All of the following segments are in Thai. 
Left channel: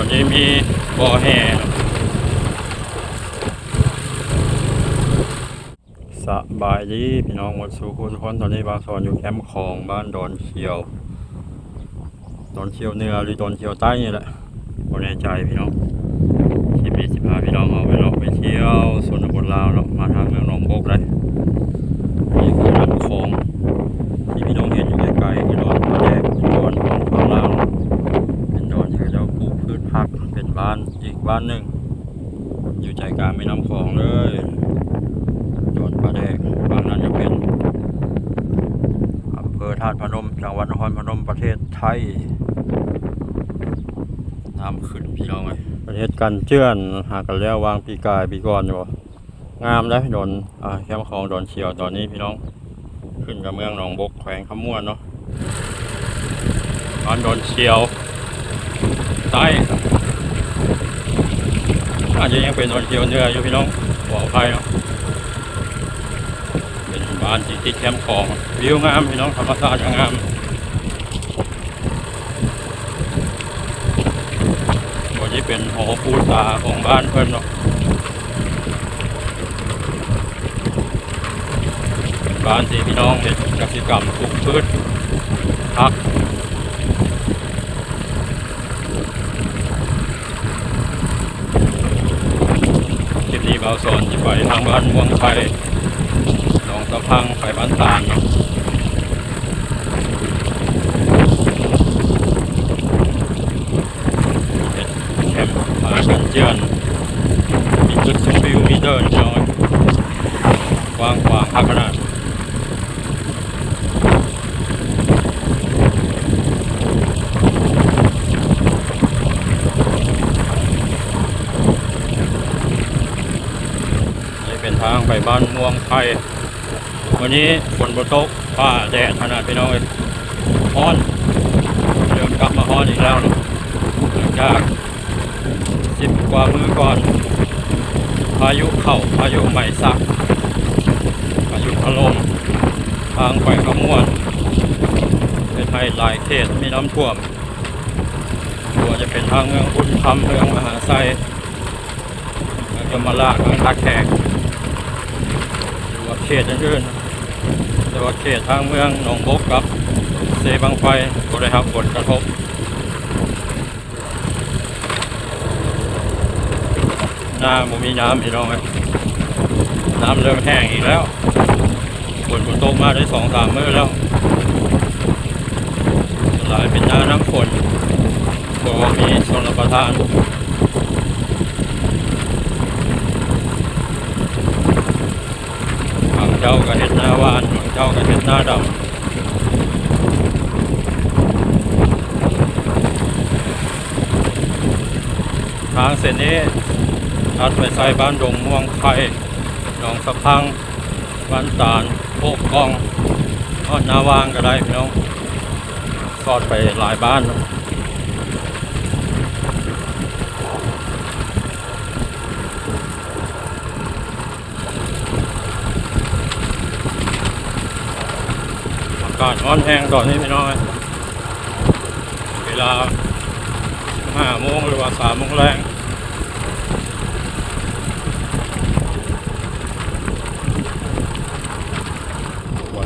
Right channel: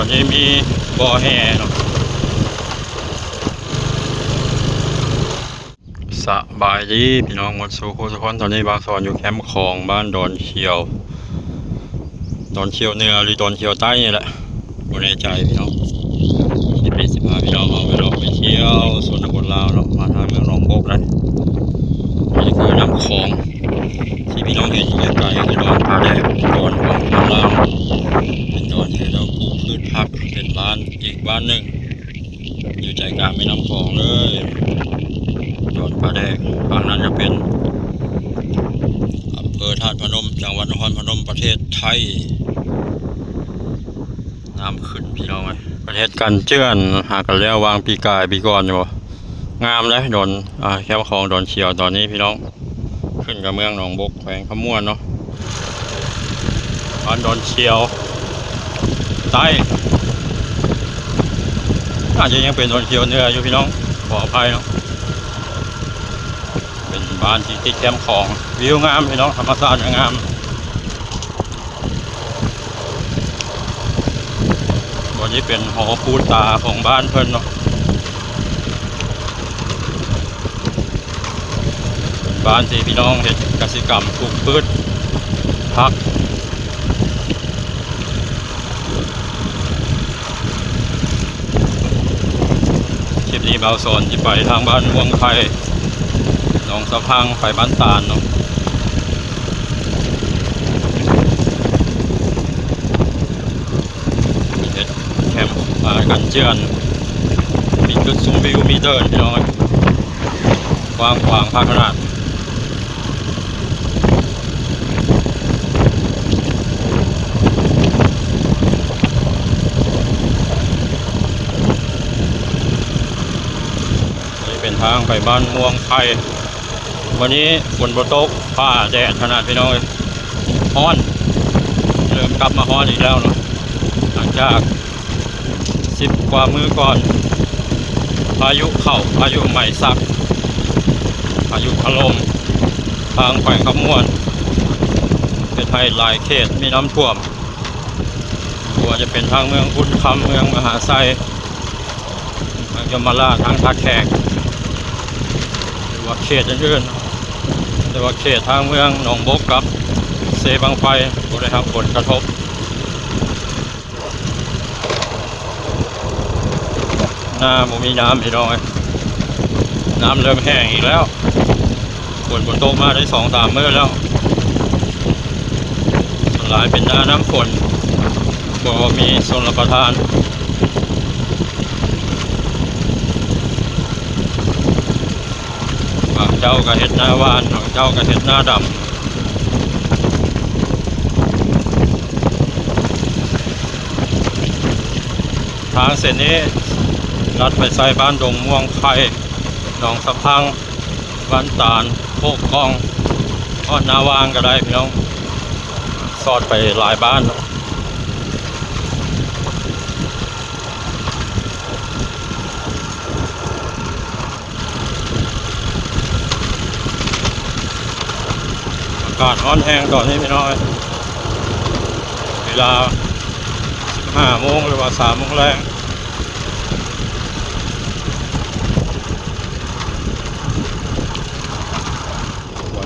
วันนี้มีบ่อแห่เนาะสบายดีพี่น้องหมดสู่ทุกคนตอนนี้บางส่วนอยู่แคมป์ของบ้านดอนเชียวเหนือหรือดอนเชียวใต้นี่แหละบนในใจพี่น้องที่ปี15พี่น้องเอาไปเราไปเที่ยวส่วนตำบลลาวเนาะมาทางเมืองหนองโบกเลยนี่คือน้ำคลองที่พี่น้องเห็นอยู่ไกลๆคือดอนผาแดงดอนของทางลาวเป็นดอนที่เราปลูกพืชผักเป็นบ้านอีกบ้านหนึ่งอยู่ใจกลางแม่น้ำคลองเลยดอนผาแดงฝั่งนั้นจะเป็นอำเภอธาตุพนมจังหวัดนครพนมประเทศไทยน้ำขึ้นพี่น้องเลยประเทศกันเจื้อนหากันแล้ววางปีกายปีก่อนอยู่บ่งามเลยดอนแคมป์ของดอนเชียวตอนนี้พี่น้องขึ้นกับเมืองหนองบกแขวงขมวนเนาะบ้านดอนเชียวใต้อาจจะยังเป็นดอนเชียวเหนืออยู่พี่น้องขออภัยเนาะเป็นบ้านที่ติดแคมป์ของวิวงามพี่น้องธรรมชาติงามวันนี้เป็นหอปูตาของบ้านเพิ่นเนาะบ้านที่พี่น้องเห็นกสิกรรมปลูกพืชผักคลิปนี้เบาสอนที่ไปทางบ้านม่วงไทยหนองสะพังไปบ้านตาลเนาะแคมป์กันเจือนมีจุดชมวิวมีเดินพี่น้องกว้างพักขนาดเป็นทางไปบ้านม่วงไทยวันนี้ฝนตกฟ้าแดดขนาดพี่น้องเลยฮ้อนเริ่มกลับมาฮ้อนอีกแล้วเนาะหลังจาก10 กว่ามื้อก่อนพายุเข้าพายุใหม่สักพายุถล่มทางแขวงขมวนเป็นไทยหลายเขตมีน้ำท่วมตัวจะเป็นทางเมืองอุดคำเมืองมหาไซเมืองยมราชทางท่าแขกหรือว่าเขตอื่นๆแต่ว่าเขตทางเมืองหนองบกกับเซบังไฟก็ได้รับผลกระทบหน้าบ่มีน้ำพี่น้องน้ำเริ่มแห้งอีกแล้วฝนตกมาได้2-3 มื้อแล้วหลายเป็นหน้าน้ำฝนบอกว่ามีชลประทานบางเจ้าก็เห็ดหน้าวานบางเจ้าก็เห็ดหน้าดำทางเส้นนี้ลัดไปใส่บ้านดงม่วงไข่หนองสะพังบ้านตาลโคกกองทอดนาวางก็ได้พี่น้องสอดไปหลายบ้านอากาศร้อนแห้งตอนนี้พี่น้องเวลา15 โมงหรือว่า3 โมงแรง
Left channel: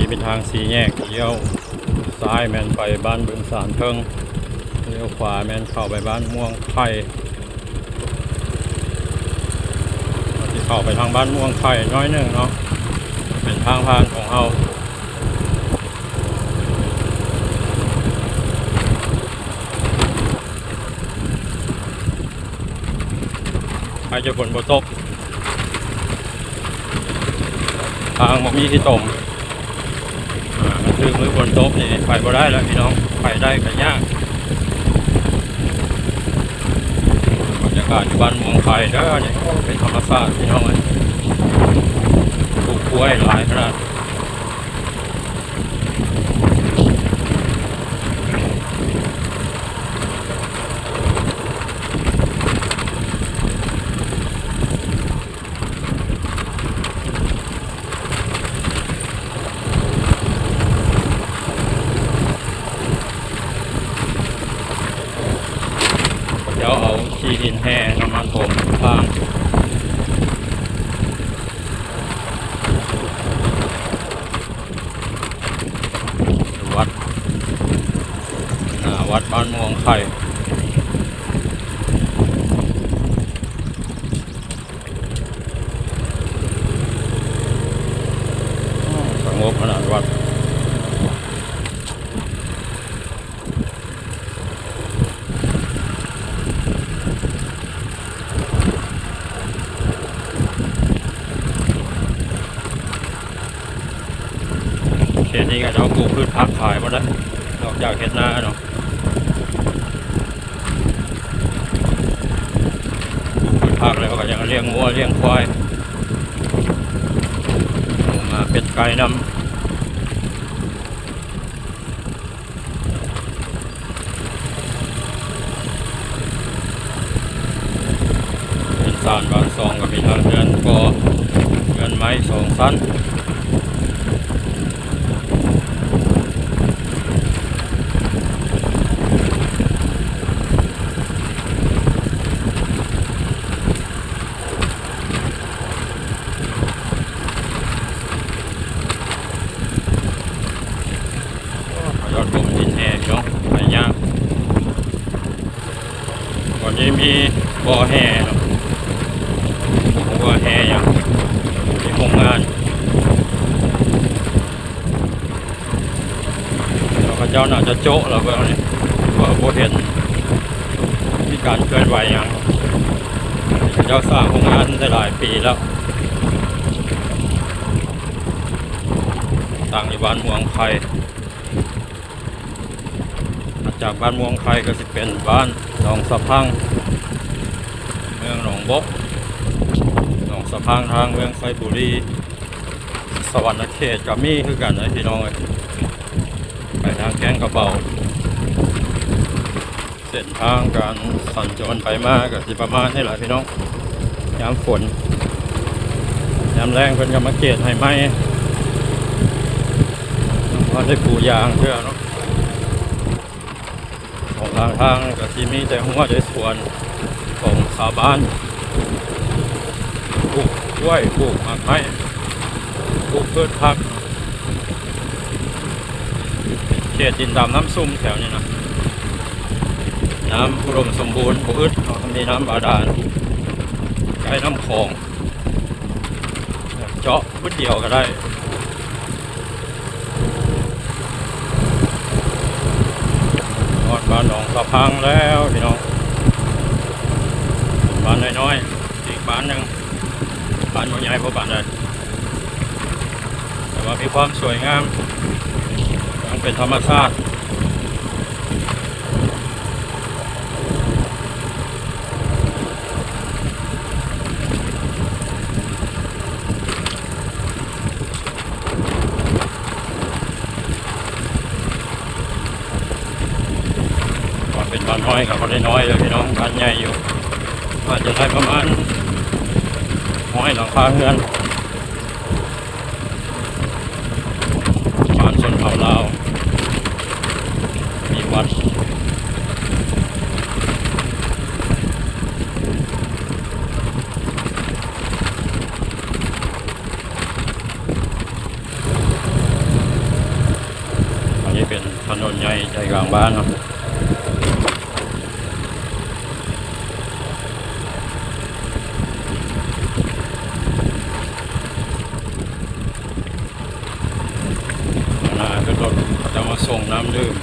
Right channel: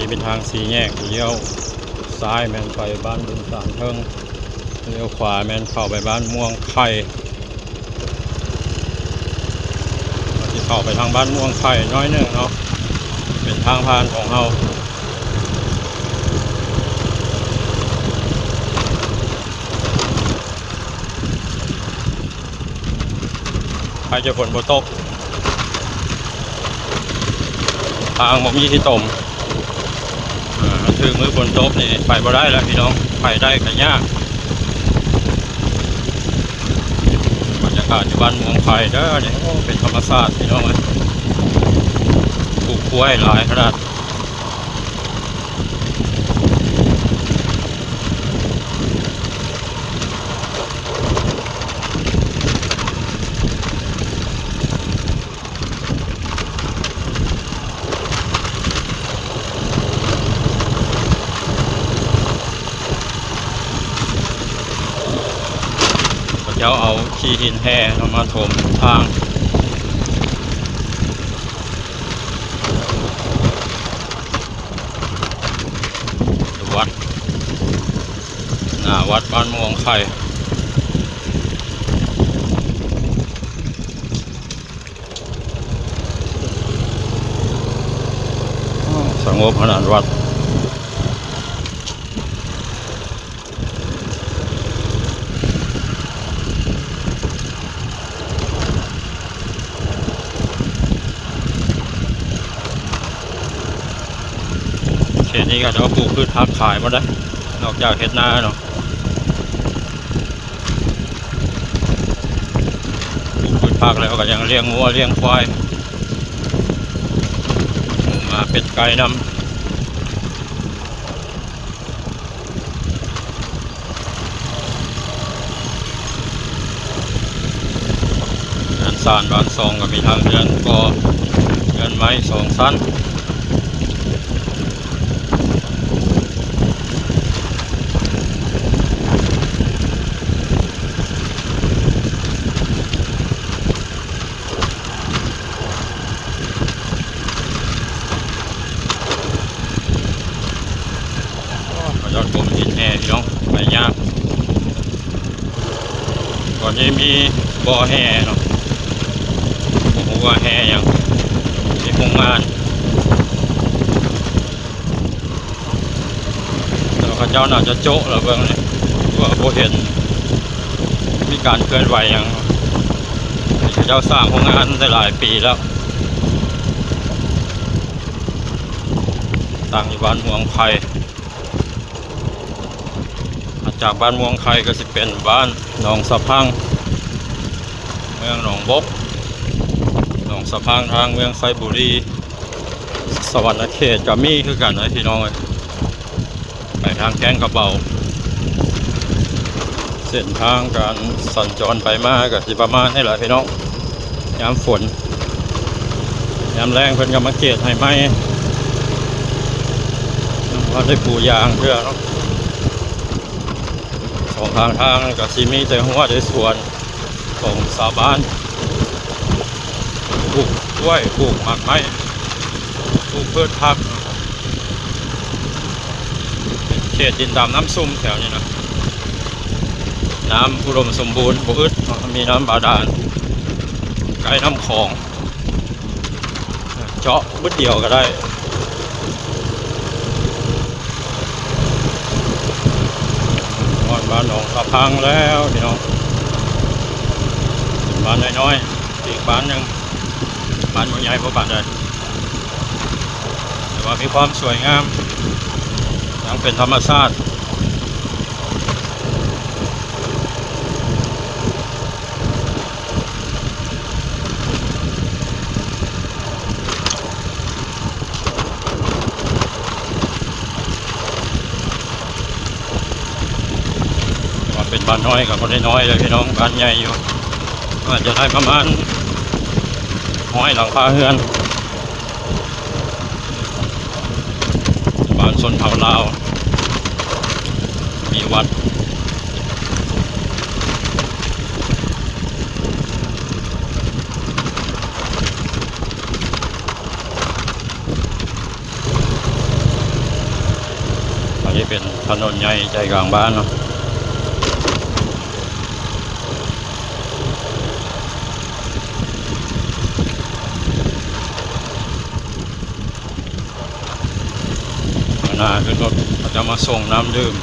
นี่เป็นทาง4 แยกเลี้ยวซ้ายแมนไปบ้านบุญสารเทิงเลี้ยวขวาแมนเข้าไปบ้านม่วงไข่ที่เข้าไปทางบ้านม่วงไข่น้อยหนึ่งเนาะเป็นทางผ่านของเราใครจะฝนตกทางบ่มีที่ตมถึงมือฝนตกนี่ไปบ่ได้แล้วพี่น้องไปได้ก็ยากบรรยากาศอยู่บ้านม่วงไข่เด้อเนี่ยเป็นธรรมชาติพี่น้องเลยปลูกกล้วยหลายขนาด เจ้าเอาขี้หินแห้งมาถมทางวัดวัดบ้านม่วงไข่สงบขนาดวัดเขตนี้ก็จะปลูกพืชผักขายมาได้นอกจากเฮ็ดนาเนาะปลูกพืชผักแล้วก็ยังเลี้ยงวัวเลี้ยงควายมาเป็ดไก่นำเรือนซานบ้านซองก็มีทางเรือนก็เรือนไม้2 ชั้นยอดผมหินแห่พี่น้องไปยากก่อนนี้มีบ่อแห่เนาะบอกว่าแห่อย่างที่โรงงานแล้วข้าเจ้าน่าจะโจ๊ะแล้วเบื้องนี้ว่าโบเห็นมีการเคลื่อนไหวอย่างข้าเจ้าสร้างโรงงานได้หลายปีแล้วตั้งอยู่บ้านม่วงไข่จากบ้านม่วงไข่ก็สิเป็นบ้านหนองสะพังเมืองหนองบกหนองสะพังทางเมืองไซบุรีสวรรณเขตกับมีคือกันนะพี่น้องไปทางแก้งกระเบาเส้นทางการสัญจรไปมากับสิประมาณให้หลายพี่น้องยามฝนยามแรงเพิ่นก็มาเกตให้ไหมว่าได้ปูยางเพื่อเนาะสองทางกับซีมีแต่หัวใจสวนของชาวบ้านปลูกกล้วยปลูกหมากไม้ปลูกพืชผักเขตดินดำน้ำซุ่มแถวนี้นะน้ำอุดมสมบูรณ์บ่อึดมีน้ำบาดาลใกล้น้ำคลองเจาะบึ้ดเดียวก็ได้บ้านหนองสะพังแล้วพี่น้องบ้านน้อยๆอีกบ้านหนึ่งบ้านใหญ่ๆเพราะบ้านใดแต่ว่ามีความสวยงามยังเป็นธรรมชาติเป็นบ้านน้อยกับคนน้อยเลยพี่น้องบ้านใหญ่อยู่อาจจะได้ประมาณ100 หลังคาเรือนบ้านชนเผ่าลาวมีวัดอันนี้เป็นถนนใหญ่ใจกลางบ้านเนาะคือรถเขาจะมาส่งน้ำดื่ม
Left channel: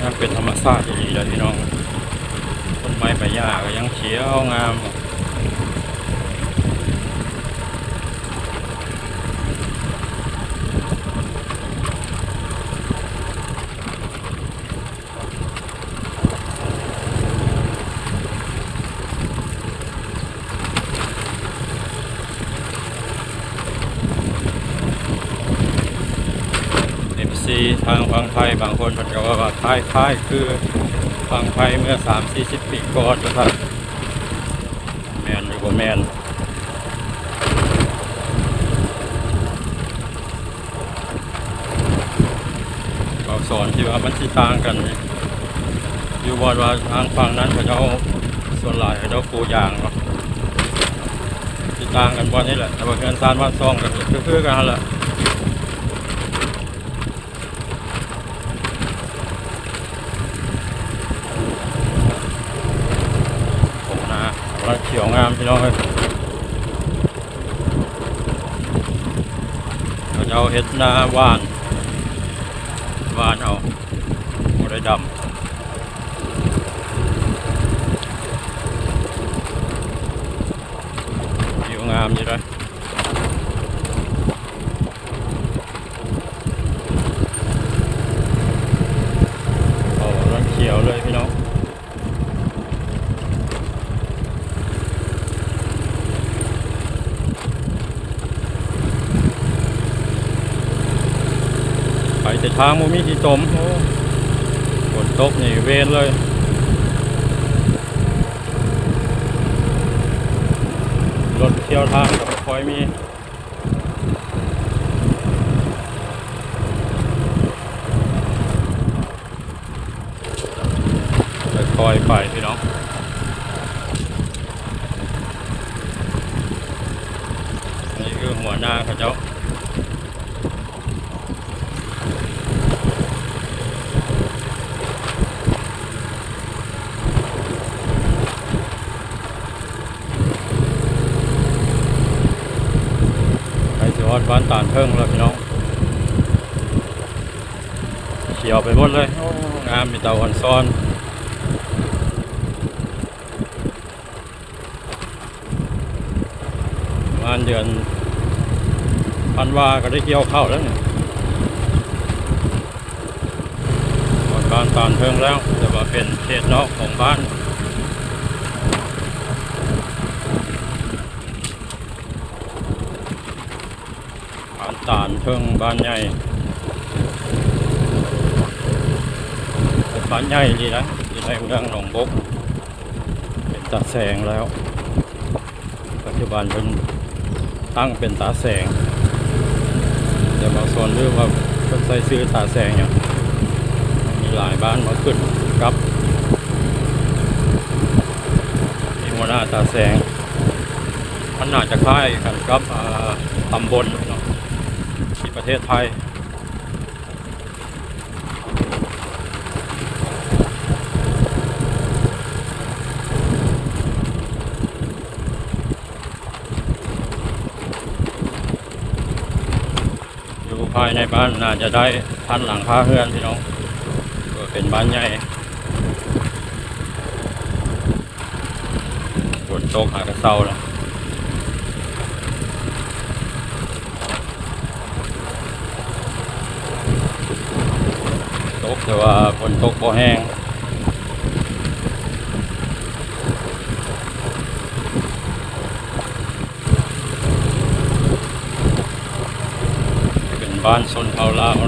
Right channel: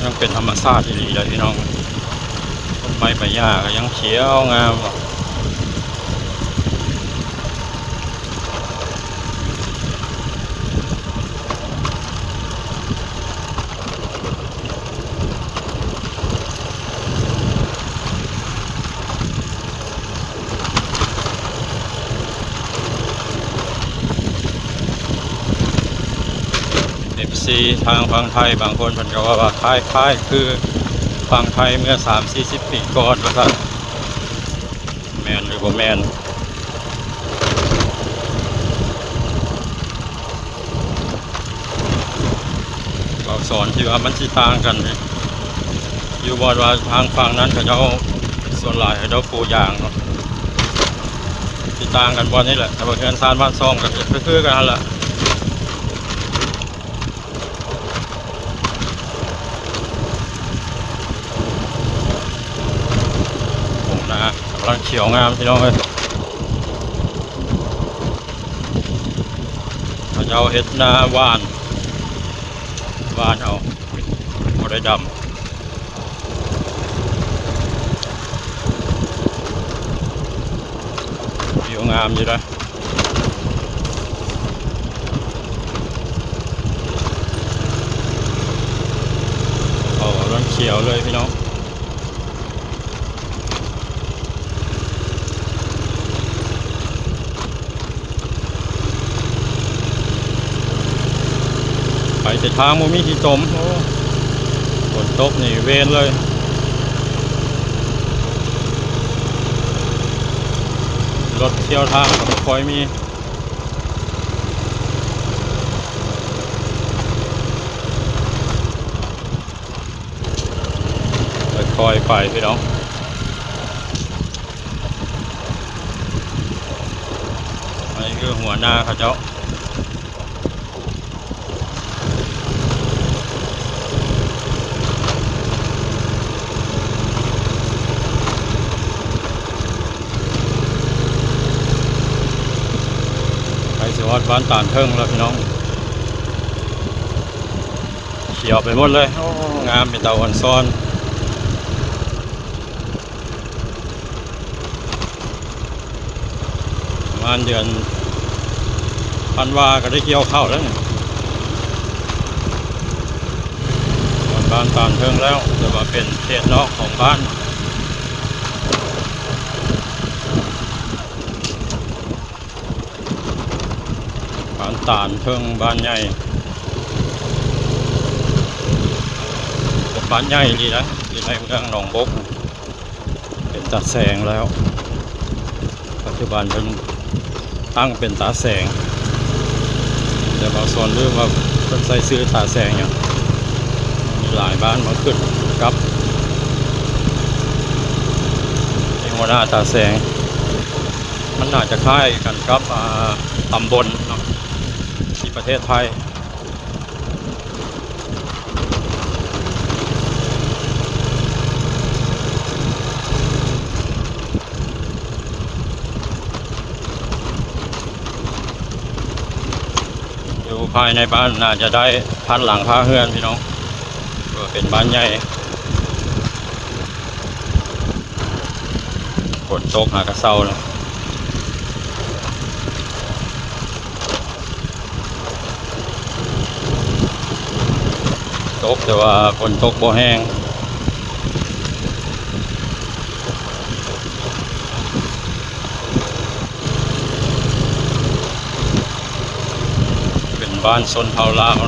ยังเป็นธรรมชาติดีเลยพี่น้องต้นไม้ใบหญ้าก็ยังเขียวงามทางฝั่งไทยบางคนเพิ่นก็ว่าคล้ายคือ ฝั่งไทยเมื่อ30-40 ปีก่อนว่าท่านแมนหรือบ่แมนเราสอนที่ว่ามันสิต่างกันอยู่บอนว่าทางฝั่งนั้นเขาจะเอาส่วนหลายเขาจะปลูกยางเนาะสิต่างกันบอนนี่แหละแต่ว่าเงินซานบ้านซ่องกันคือๆกันนั่นแหละผมนะกำลังเขียวงามพี่น้องเลยเขาจะเอาเฮ็ดนาว่านเอาบ่ได้ดำผิวงามอยู่เลยโอ้ร้อนเขียวเลยพี่น้องไปแต่ทางมูมีที่จมโอ้ฝนตกนี่เวนเลยรถเที่ยวทางก็คอยมีคอยไปพี่น้องอันนี้คือหัวหน้าเขาเจ้าไปสิวัดบ้านตานเทิงแล้วพี่น้องเขียวไปหมดเลยโอ้งามมีเตาอ่อนซ้อนประมาณเดือนธันวาก็ได้เกี่ยวข้าวแล้วเนี่ยวัดบ้านตานเทิงแล้วแต่ว่าเป็นเขตนอกของบ้านตานเทิงบ้านใหญ่บ้านใหญ่ดีนะอยู่ในเมืองหนองบกเป็นตาแสงแล้วปัจจุบันเป็นตั้งเป็นตาแสงแต่บางส่วนเรื่องว่าเป็นใส่ซื้อตาแสงอย่างมีหลายบ้านมาขึ้นกับมีหัวหน้าตาแสงมันน่าจะคล้ายกันกับตำบลที่ประเทศไทยอยู่ภายในบ้านน่าจะได้1,000 หลังคาเรือนพี่น้องก็เป็นบ้านใหญ่ฝนตกหากระเซาแล้วตกแต่ว่าฝนตกบ่แห้งเป็นบ้านชนเผ่าลาว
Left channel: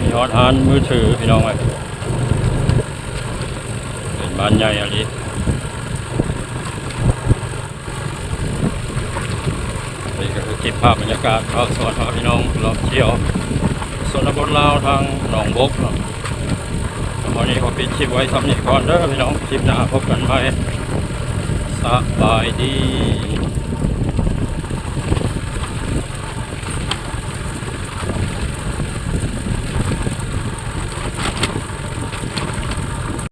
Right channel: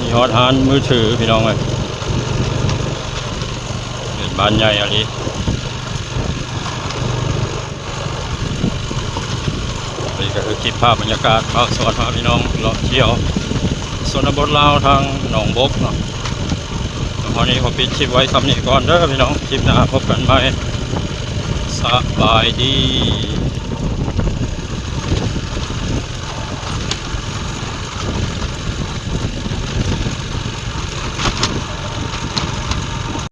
มีฮอตฮานมือถือพี่น้องเลยเป็นบ้านใหญ่อะไรนี่ก็คือคลิปภาพบรรยากาศภาคสวนพาพี่น้องเลาะเที่ยวส่วนบทลาวทางหนองบกเนาะวันนี้ผมปิดคลิปไว้สำนีก่อนเด้อพี่น้องคลิปหน้าพบกันใหม่สบายดี